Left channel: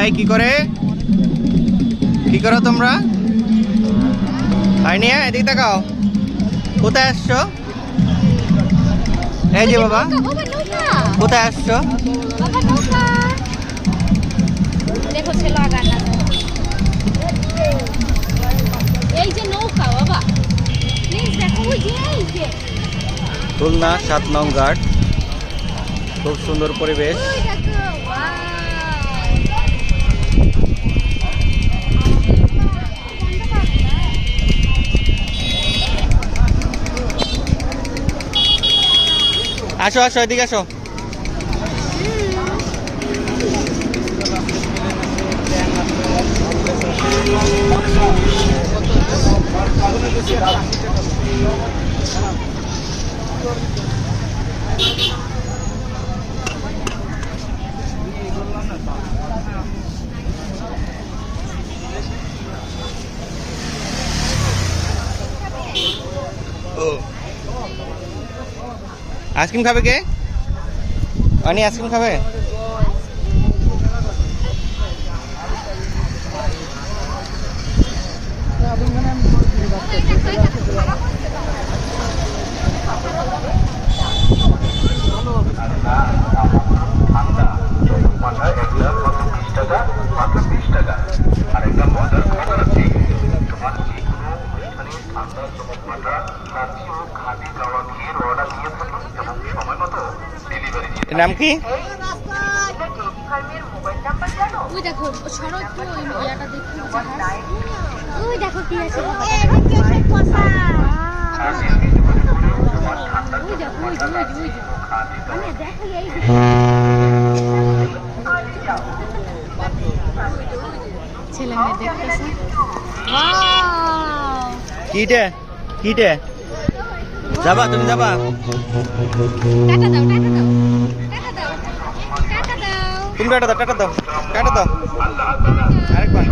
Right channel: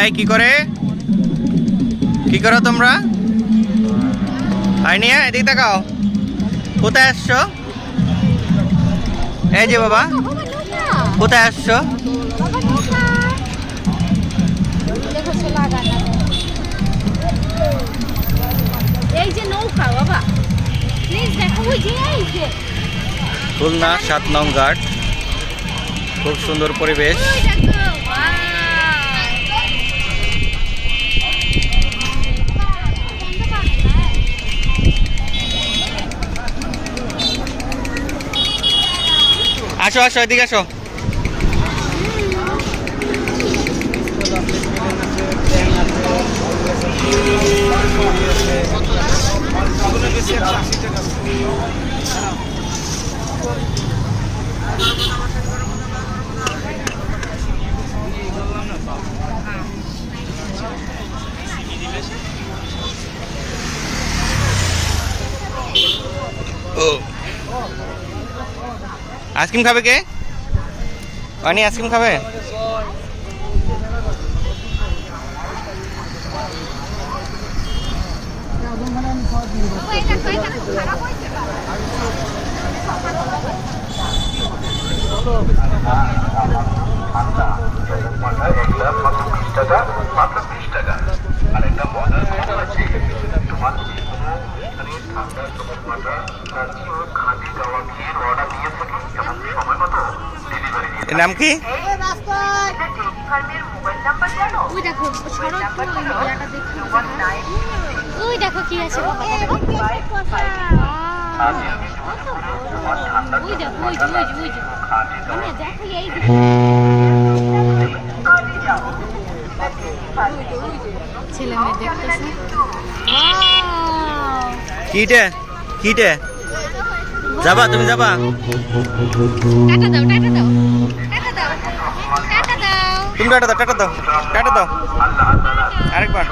এই কি করো তোমরা? আইনিয়া এদিকে তাকাও, কোথায় আসছো? এই যে বাবা, কোথায় আসছো? খুলনা ৭ নং ঘাট, খুব সুন্দর পরিবেশ। আসো আসো, এদিকে আসো। আইসক্রিম খাবে কে? অনি আইসক্রিম খাবে? নাম কি? দেখো কি আছে, ছেলে মেয়ে দেখতেছে। কিটে কিটে যাবা? তুমি যাবা? তুমি টাটা দাও, টাটা দাও, টাটা দাও আরেকবার।